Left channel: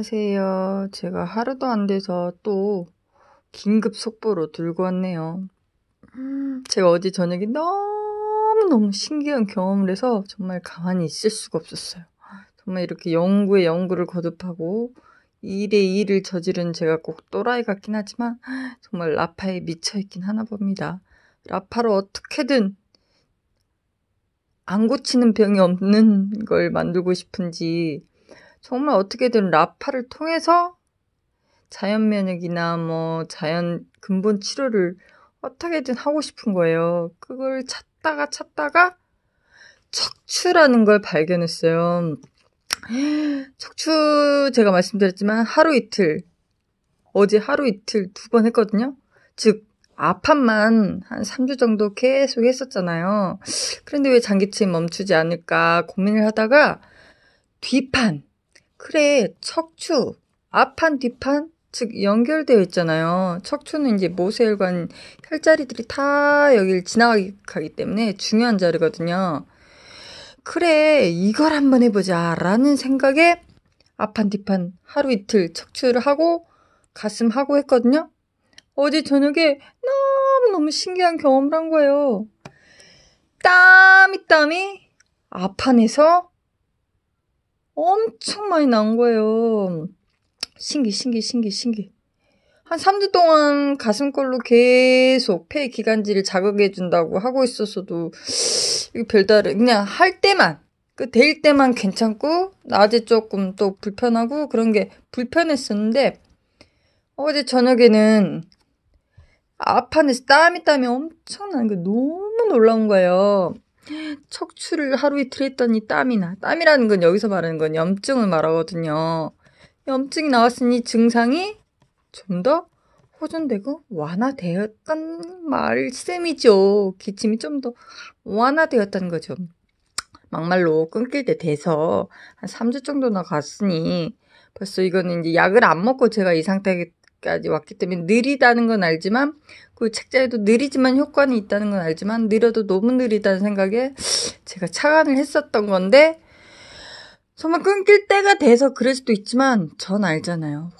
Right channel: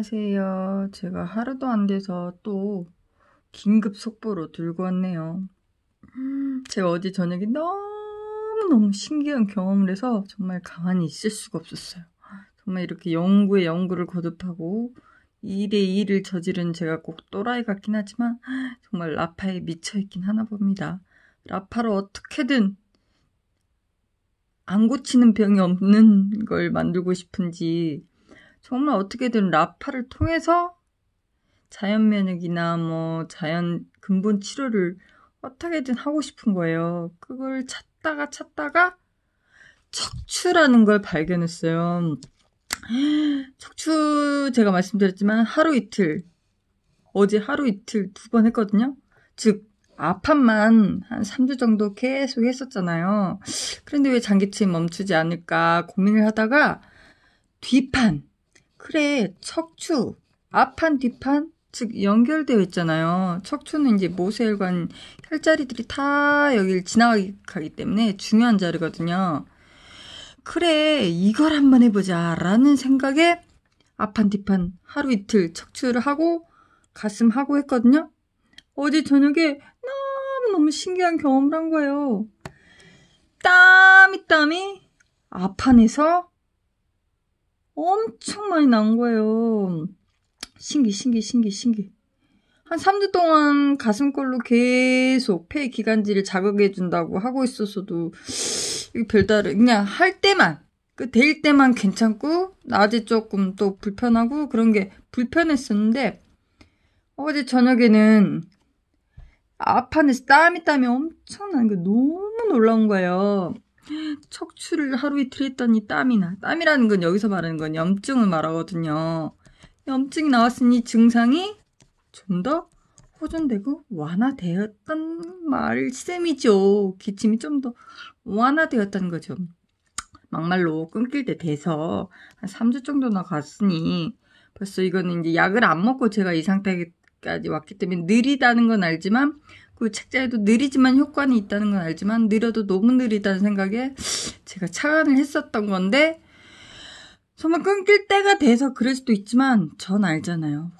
안녕하세요. 제가 하루도 안 돼서 또 긴급 속보로 들고 왔네요. 제가 어제 저녁에 너무너무 신기한 경험을 해서 정말 가만히 있을 수가 없었어요. 정말 이렇게 연구에 연구를 거듭하고 일에 일을 저지른 제가 꼭 또라이 같긴 하지만 정말 라파에 미쳐있긴 하나 봅니다. 라파로 어떻게든 안 고치는 병이 없는 걸 만들고 싶은지 정말 어떻게든 라파를 통해서 자연 면역이나 자연 근본 치료를 어떻게든 하고 싶은 거예요. 그걸 찾다가 척추라는 걸 발견했어요. 척추 제가 말씀드렸지만 어제 하루 이틀 2번 했거든요. 즉 앞판만 한 3주 정도 계속 했었잖아요. 그런데 왜 장기침이 멈추지 않을까 고민을 하다가 뒷판, 그래 척추 앞판 뒷판 즉 연결되어 있잖아요. 척추는 이제 모세혈관 혈자리들이 다 여길 지나가기 때문에 중요한 자리거든요. 그래 이걸 한번 해보자 라는 생각에 앞판 뒷판 하루 이틀 척추를 하고 가슴 하고 했거든요. 어제 저녁에 너무너무 신기한 경험을 한 거예요. 땀이 앞판에서 엄청 많이 난 거예요. 신기. 한 3주 동안 가슴골로 계속 폐 기관지를 자극해준다고 하고 있었어도 별다른 그냥 할 때만 될 때만 괜찮고 낮에 조금 또 불편하고 그런 게 불편했었는데 어제 저녁에는 앞판에서 땀이 엄청 나는 게 너무 놀라운 거예요. 척추를 하루 이틀 했더니 땀이라는 건 여기서 말하는 건 염증을 말하거든요. 염증이 나왔으니 증상이 좀 더 호전되고 완화되었단 말씀이죠. 기침이 좀 더 완화되었다는 거죠. 막말로 끊길 때 돼서 한 3주 정도나 갔으니 벌써 이거는 이제 약을 안 먹고 제가 이 상태까지 왔기 때문에 느리다는 건 알지만 그 책자에도 느리지만 효과는 있다는 건 알지만 느려도 너무 느리다는 생각에 제가 착안을 했었던 건데 정말 끊길 때가 돼서 그럴 수도 있지만 전 알잖아요.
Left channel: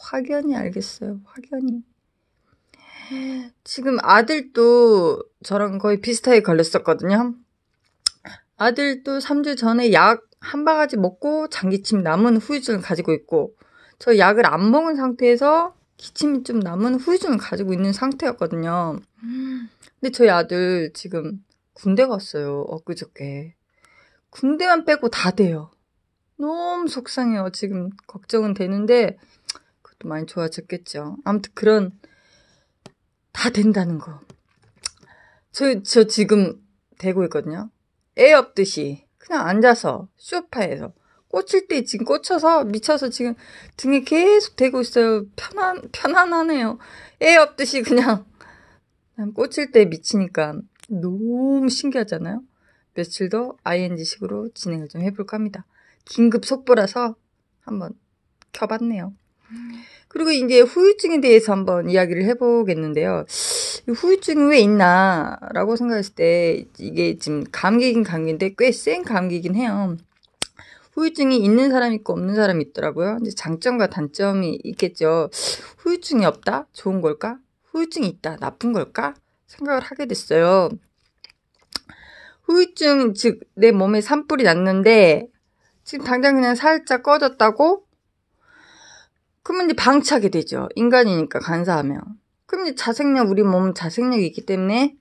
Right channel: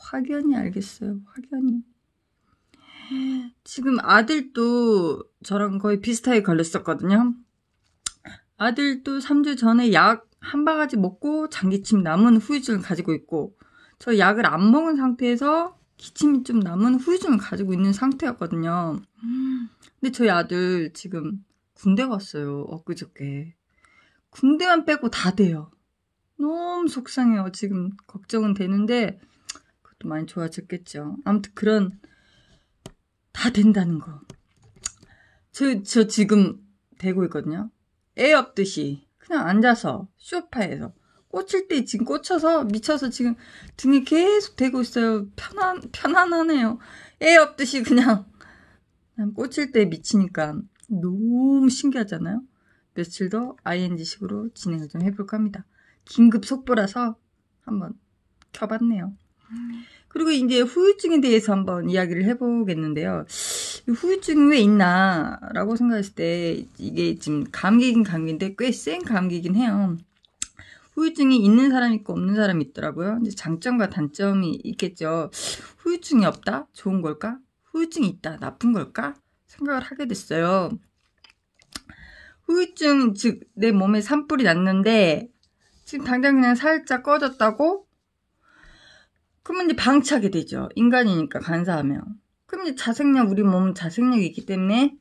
확연히 알겠어요. 확연히. 지금 아들도 저랑 거의 비슷하게 걸렸었거든요. 아들도 3주 전에 약 한 바가지 먹고 장기침 남은 후유증을 가지고 있고 저 약을 안 먹은 상태에서 기침이 좀 남은 후유증을 가지고 있는 상태였거든요. 근데 저희 아들 지금 군대 갔어요. 엊그저께. 군대만 빼고 다 돼요. 너무 속상해요. 지금 걱정은 되는데 그것도 많이 좋아졌겠죠. 아무튼 다 된다는 거. 저 지금 되고 있거든요. 애 없듯이 그냥 앉아서 소파에서 꽂힐 때 지금 꽂혀서 미쳐서 지금 등에 계속 대고 있어요. 편안하네요. 애 없듯이 그냥 꽂힐 때 미치니까 너무 신기하잖아요. 며칠 더 ING식으로 진행을 좀 해볼까 합니다. 긴급 속보라서 한번 켜봤네요. 그리고 이제 후유증에 대해서 한번 이야기를 해보겠는데요. 후유증이 왜 있나 라고 생각했을 때 이게 지금 감기긴 감기인데 꽤 센 감기긴 해요. 후유증이 있는 사람이 있고 없는 사람이 있더라고요. 이제 장점과 단점이 있겠죠. 후유증이 없다? 좋은 걸까? 후유증이 있다? 나쁜 걸까? 생각을 하게 됐어요. 후유증, 즉 내 몸에 산불이 났는데 지금 당장 그냥 살짝 꺼졌다고? 그러면 이제 방치하게 되죠. 인간이니까 간사하면. 그럼 이제 자생력, 우리 몸은 자생력이 있기 때문에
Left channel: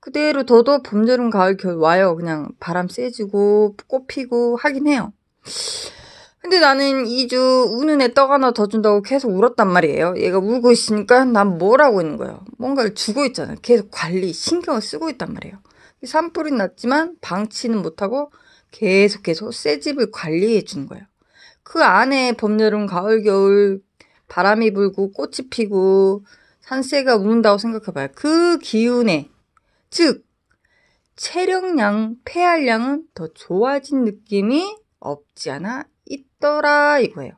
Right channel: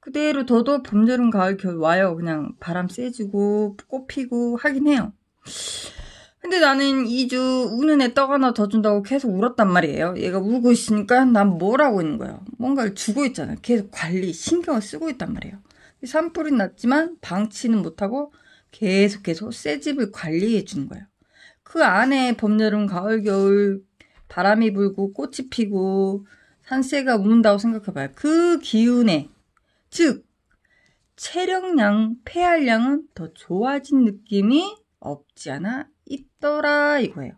그대로 둬도 봄, 여름, 가을, 겨울 와요. 그냥 바람 세지고 꽃 피고 하긴 해요. 근데 나는 2주 우는 애 떡 하나 더 준다고 계속 울었단 말이에요. 얘가 울고 있으니까 난 뭘 하고 있는 거예요. 뭔가를 주고 있잖아요. 계속 관리, 신경을 쓰고 있단 말이에요. 산불이 났지만 방치는 못하고 계속 새 집을 관리해 주는 거예요. 그 안에 봄, 여름, 가을, 겨울 바람이 불고 꽃이 피고 산새가 우는다고 생각해봐요. 그 기운에 즉 체력량, 폐활량은 더 좋아진 느낌이 없지 않아 있더라 이거예요.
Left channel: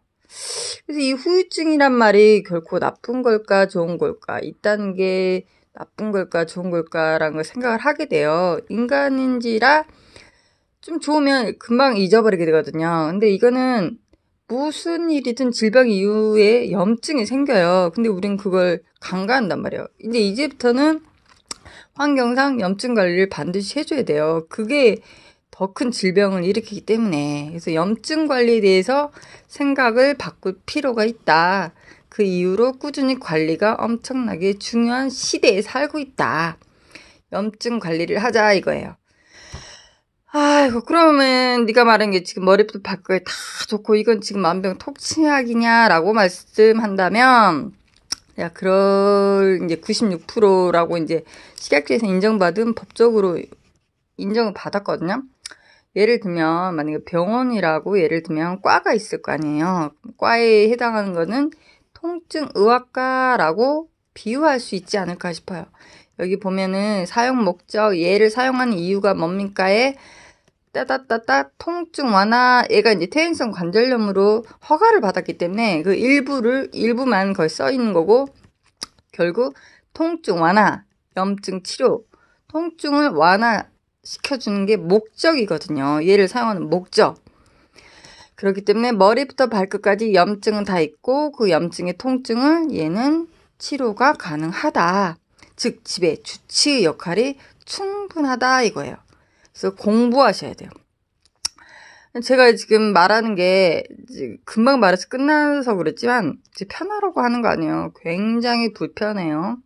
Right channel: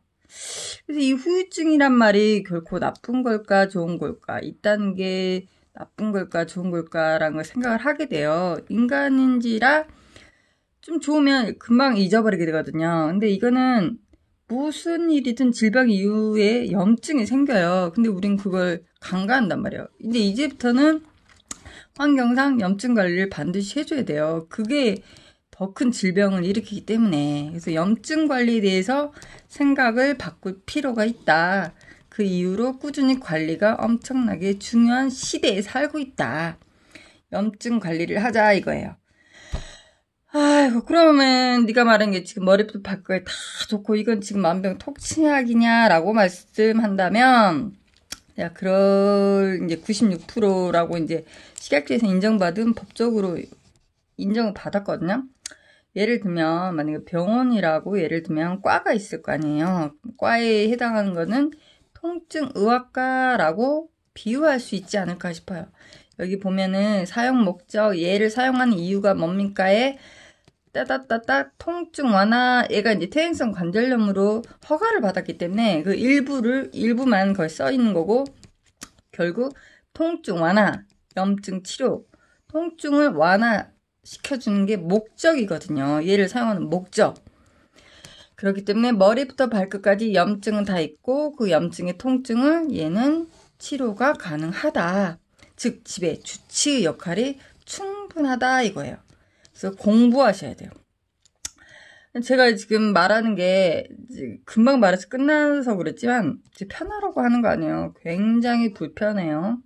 그래서 이 후유증이란 말이 결코 나쁜 걸까 좋은 걸까 있다는 게 나쁜 걸까 좋은 걸까라는 걸 생각을 하게 돼요. 인간인지라 좀 좋으면 금방 잊어버리게 되거든요. 근데 이거는 무슨 일이든 질병 이후에 염증이 생겨요. 근데 우린 그걸 간과한단 말이에요. 이제부터는 환경상 염증 관리를 반드시 해줘야 돼요. 그게 더 큰 질병을 일으키기 때문에. 그래서 염증 관리에 대해서 생각을 바꿀 필요가 있다. 그 이후로 꾸준히 관리가 엄청나게 중요한 시대에 살고 있다. 염증 관리를 하자 이거예요. 아이고 그러면 네가 말한 게 지금 머리부터 발끝 다 좋고 이건 지금 만병통치약이냐라고 말씀한다면 야 그럴 이제 96%라고 이제 식약처에서 인정받은 법적으로 인정을 받았거든요. 예를 들면 만약에 병원이라고 예를 들면 과가 있을 거 아니에요. 과에 해당하는 거는 통증의학과라고 비유할 수 있지 않을까 싶어요. 여기 보면은 사용 목적, 얘를 사용하는 이유가 뭡니까에 따따따따 통증 완화, 얘가 이제 퇴행성 관절염으로 허가를 받았기 때문에 그 일부만 거기 써 있는 거고, 결국 통증 완화, 염증 치료, 통증을 완화시켜주는 게 목적이거든요. 얘를 사용하는 목적. 그렇기 때문에 머리부터 발끝까지 염증은 다 있고 그 염증의 통증을 얘는 치료가 가능하다. 즉 집에 주치의 역할이 충분하다 이거예요. 그래서 공부하셔야 돼요. 제가 지금 말하는 게 금방 말해서 끝나서 그랬지만 편하라고 하는 거 아니에요. 굉장히 불편해요.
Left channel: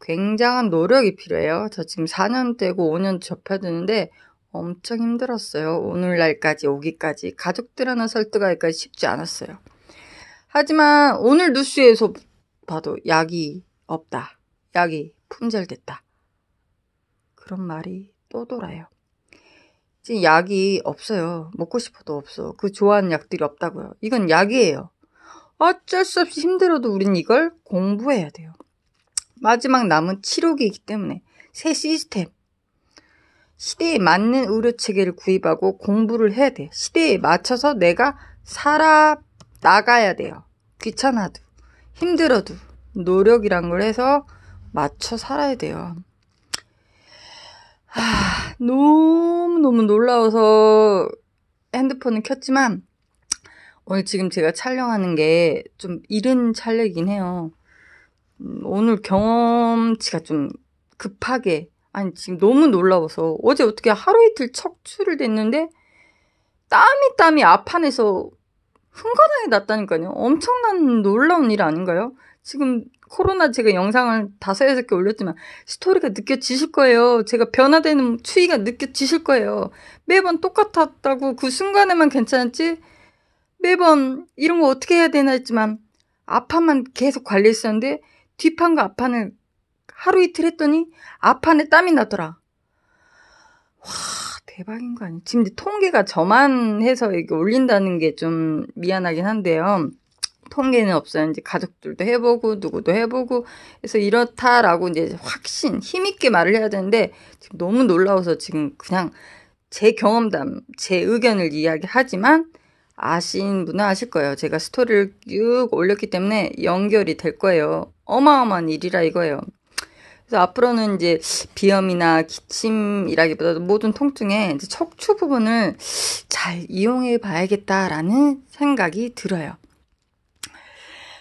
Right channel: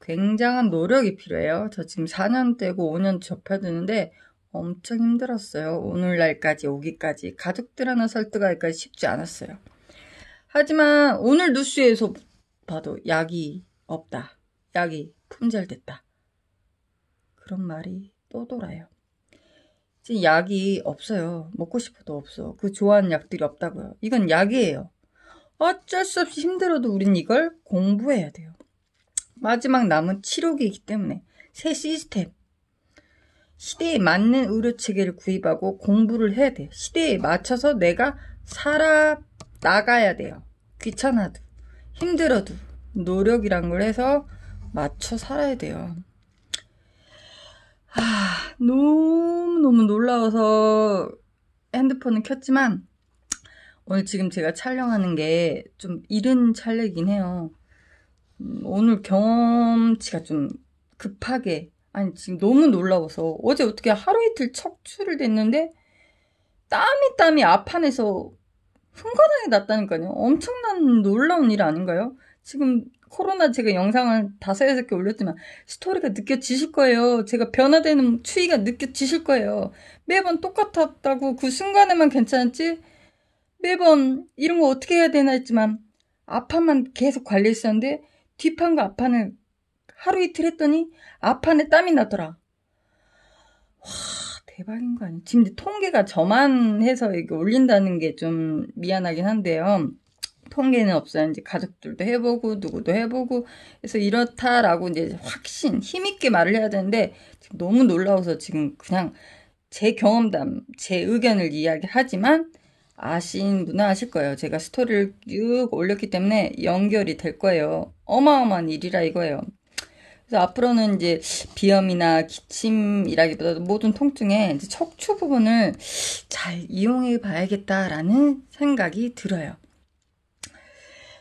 굉장한 노력이 필요해요. 저 지금 4년 되고 5년 접해드는데 엄청 힘들었어요. 오늘날까지 오기까지. 가족들 하나 설득하기까지 쉽지 않았어요. 하지만 오늘 뉴스에서 봐도 약이 없다. 약이 품절됐다. 그런 말이 또 돌아요. 지금 약이 없어요. 먹고 싶어도 없어. 그 좋아하는 약들이 없다고요. 이건 약이에요. 어쩔 수 없이 힘들어도 우린 이걸 공부해야 돼요. 마지막 남은 치료기이기 때문에 새 시스템. 시대에 맞는 의료체계를 구입하고 공부를 해야 돼. 시대에 맞춰서 내가 살아나가야 돼요. 귀찮아도 힘들어도 노력이란 걸 해서 맞춰 살아야 돼요. 너무너무 놀라워서 핸드폰을 켰지만 오늘 지금 제가 촬영하는 게 좀 이른 촬영이긴 해요. 오늘 경험치가 좀 급하게 아니 지금 너무 놀라워서 어제 어떻게 하루 이틀 척추를 댔는데 땀이 앞안에서 흥건하게 났다니까요. 엄청난 놀라운 일 아닌가요? 지금 코로나 제가 영상을 5-6개 올렸지만 스토리가 느껴지실 거예요. 제가 변화되는 추이가 느껴지실 거예요. 매번 똑같았다고 그 순간에만 괜찮았지 매번 이런 거 어떻게 해야 되나 했지만 앞판만 계속 관리했었는데 뒷판과 앞판을 하루 이틀 했더니 앞판에 땀이 나더라. 와 대박인 거 아니에요? 지금 통계가 저만 해서 이렇게 올린다는 게 좀 미안하긴 한데요. 통계는 없어요. 이제 가족들도 해보고 누구도 해보고 그래서 이렇다라고 이제 확신 힘있게 말을 해야 되는데 지금 너무 놀라워서 지금 그냥 제 경험담, 제 의견을 이야기하지만 아신 분은 아실 거예요. 제가 스토리를 쭉 올렸기 때문에 연결이 될 거예요. 어마어마한 일이라 이거예요. 그래서 앞으로는 이제 비염이나 기침이라기보다도 모든 통증에 이제 척추 부분을 잘 이용해 봐야겠다라는 생각이 들어요.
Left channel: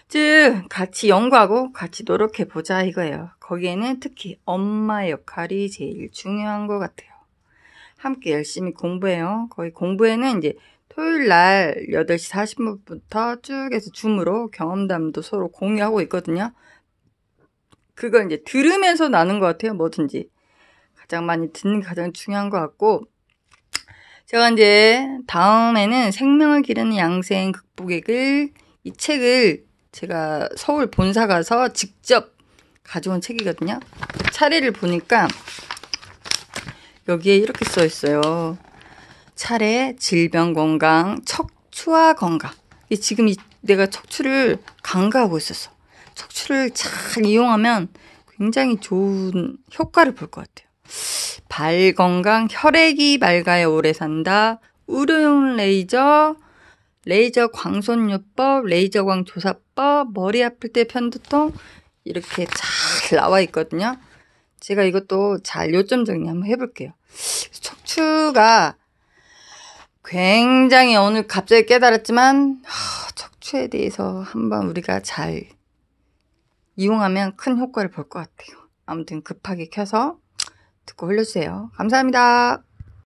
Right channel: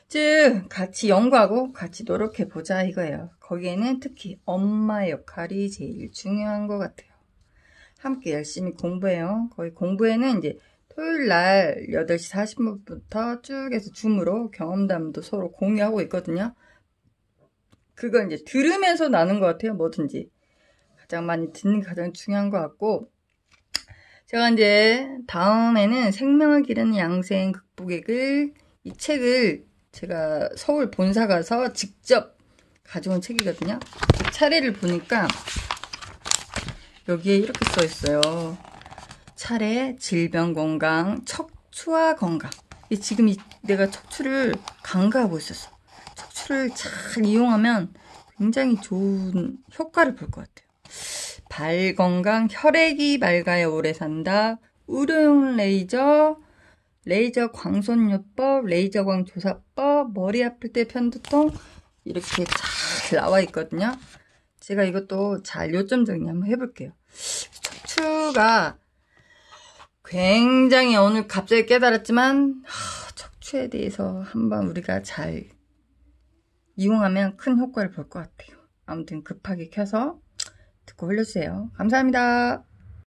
즉 같이 연구하고 같이 노력해 보자 이거예요. 거기에는 특히 엄마의 역할이 제일 중요한 것 같아요. 함께 열심히 공부해요. 거의 공부에는 이제 토요일 날 8시 40분부터 쭉 해서 줌으로 경험담도 서로 공유하고 있거든요. 그거 이제 들으면서 나는 것 같아요. 뭐든지. 가장 많이 듣는 게 가장 중요한 것 같고 제가 이제 다음에는 생명을 기르는 양생 극복의 길 이 책을 제가 서울 본사 가서 직접 가져온 책이거든요. 차례를 보니까 여기에 이렇게 써 있어요. 차례, 질병 건강, 척추와 건강. 지금 내가 척추를 간과하고 있었어. 척추를 잘 이용하면 굉장히 좋은 효과를 볼 것 같아요. 발 건강, 혈액이 맑아야 오래 산다. 의료용 레이저 광손요법, 레이저광 조사법, 머리 아플 때 편두통 이렇게 잘 나와 있거든요. 제가 이것도 잘 요점 정리 한번 해볼게요. 척추가 굉장히 오늘 갑자기 깨달았지만 척추에 대해서 한번 우리가 잘 이용하면 큰 효과를 볼 것 같아요. 아무튼 급하게 켜서 듣고 흘려주세요. 감사합니다.